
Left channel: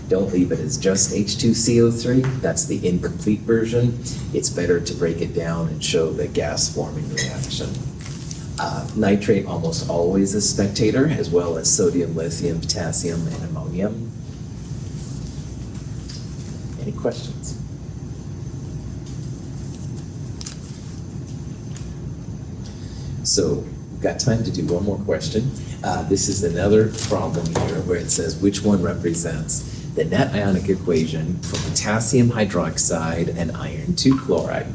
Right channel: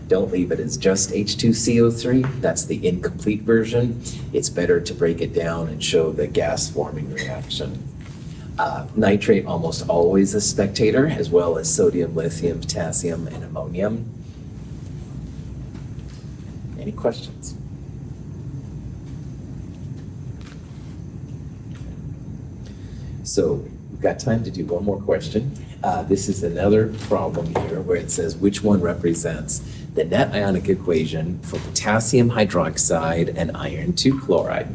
Don't leave it as just H2CO3. That's the incomplete version. It's better to break it down and show the gas-forming reaction. Nitrate almost always a spectator, as well as sodium, lithium, potassium, and ammonium. Any questions? So we've got time to do one more question. This is another problem here where it says which one represents the net ionic equation for potassium hydroxide and iron 2 chloride.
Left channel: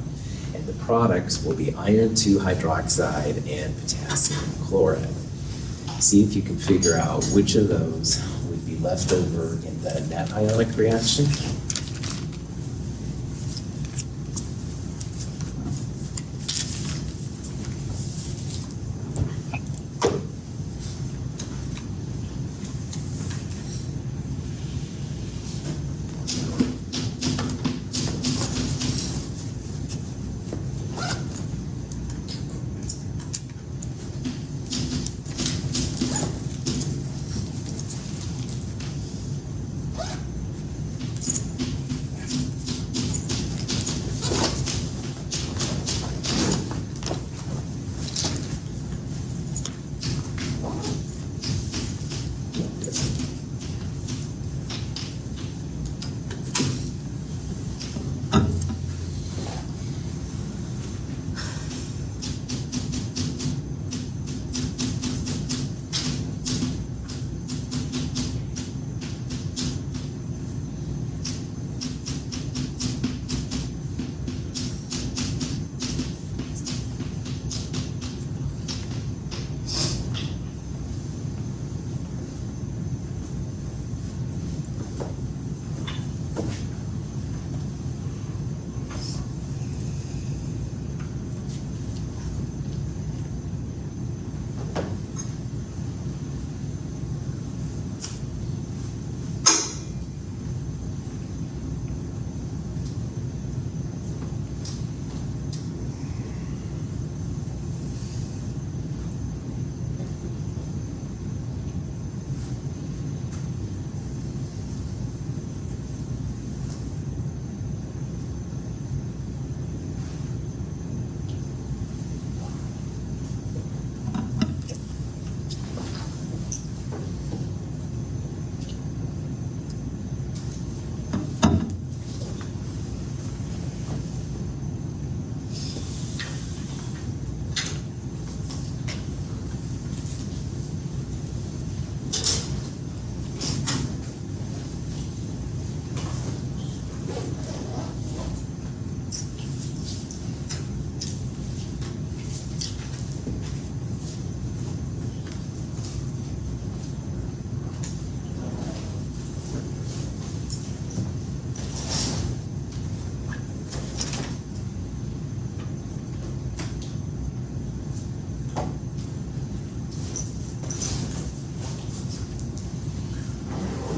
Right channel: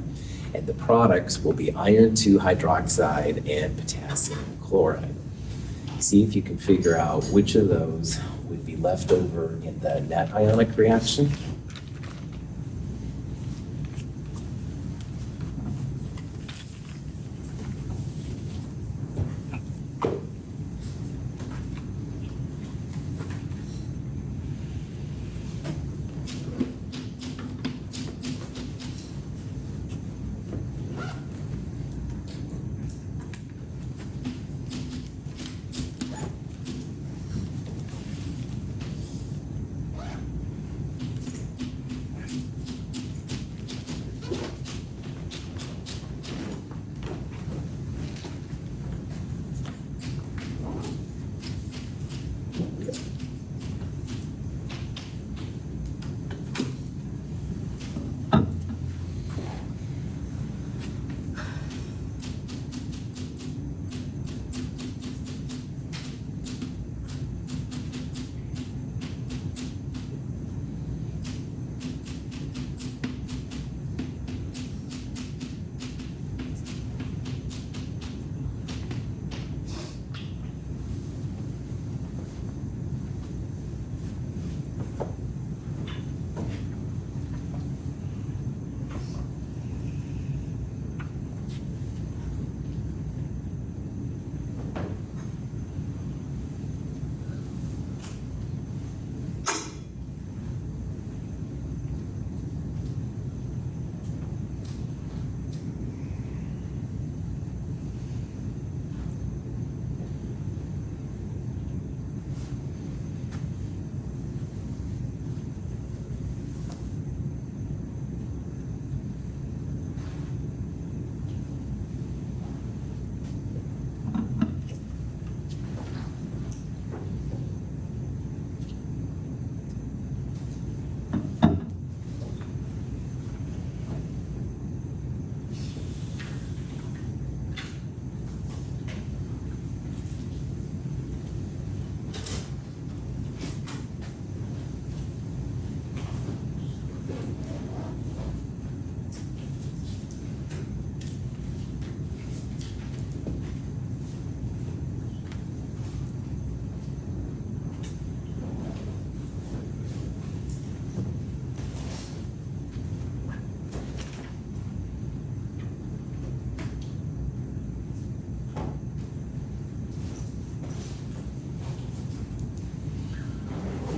And the products will be iron 2 hydroxide and potassium chloride. See if you can figure out which of those would be left over in the net ionic reaction.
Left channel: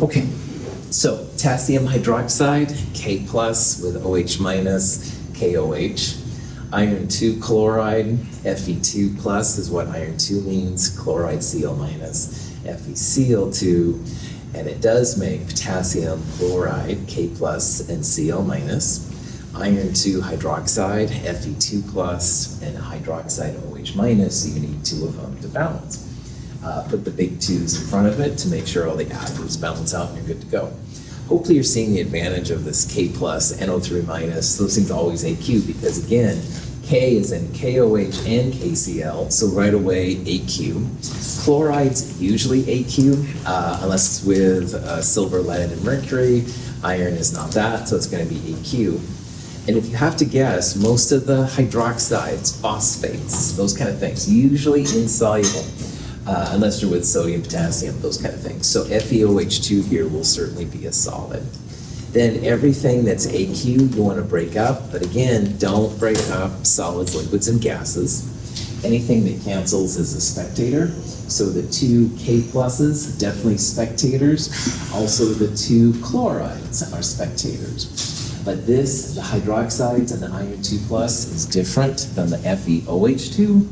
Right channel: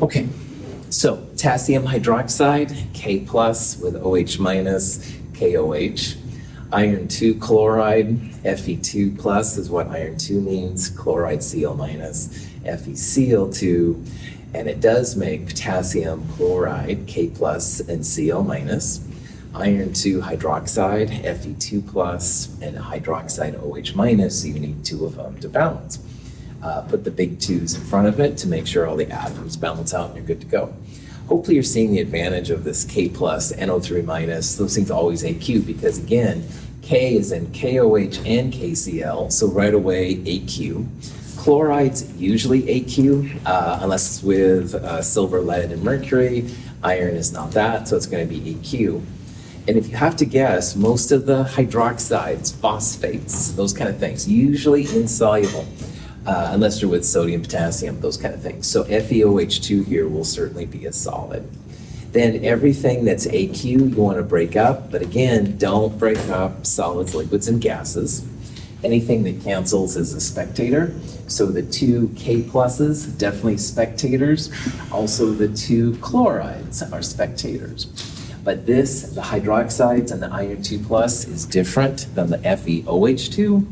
Okay, so potassium hydroxide, K plus with OH minus, KOH. Iron 2 chloride, Fe2 plus is what iron 2 means, chloride Cl minus, FeCl2, and it does make potassium chloride, K plus and Cl minus. Iron 2 hydroxide, Fe2 plus, and hydroxide OH minus, so you need two of them to balance. Put the big 2's in front of it to make sure all the atoms balance out and you're good to go. Hopefully you're seeing the advantage of this K plus, NO3 minus, those things always AQ because again, K is in KOH and KCl, so right away AQ. Chloride's usually AQ, unless it's with silver, lead, and mercury. Iron is not that, so it's going to be AQ. And if you have to guess, most of the hydroxides, phosphates, those kind of things, usually insoluble, unless you're with sodium, potassium, those kind of things. So FeOH2 here will certainly be a solid. Then everything that's AQ you want to break up, but again, don't break up solids, liquids, and gases. Anything that cancels is a spectator. So the two K pluses, definitely spectators. Also the two chlorides are spectators. But this, the hydroxides and the iron 2 plus is different than the FeOH2.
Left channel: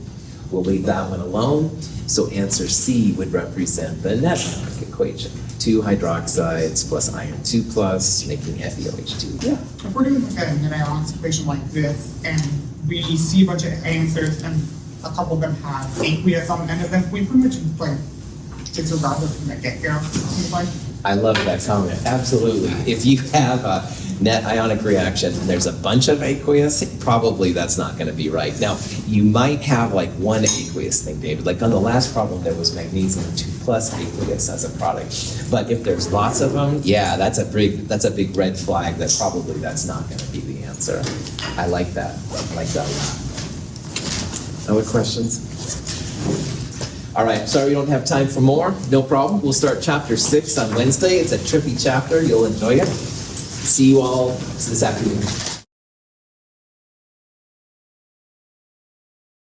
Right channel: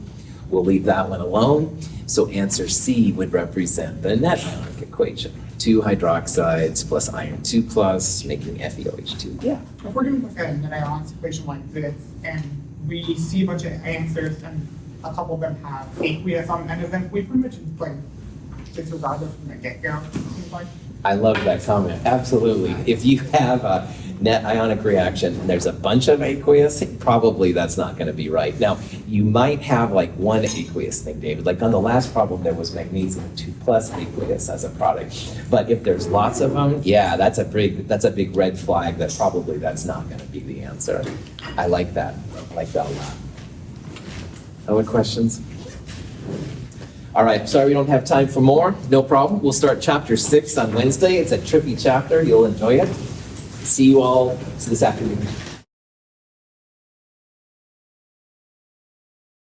We'll leave that one alone. So answer C would represent the net atomic equation. 2 hydroxides plus iron 2 plus, making FeOH2. Yeah. If we're doing like an ionic equation like this, and we see a bunch of answers, and a couple of them have aqueous on the end of them, we pretty much like disregard them from the get-go. Seems like. I love that comment. Absolutely. If you have a net ionic reaction and there's a bunch of aqueous, probably that's not going to be right. Now, you might have like one aqueous thing, David. Like on the last problem, there was magnesium 2 plus aqueous as a product. But if there's lots of them, yeah, that's a big red flag that probably that's not going to be the answer. I like that. I like that. Other questions? All right, sorry we don't have time for more. No problem. We'll start chapter 6 on Wednesday. It's a trippy chapter. You'll enjoy it. See you all this afternoon.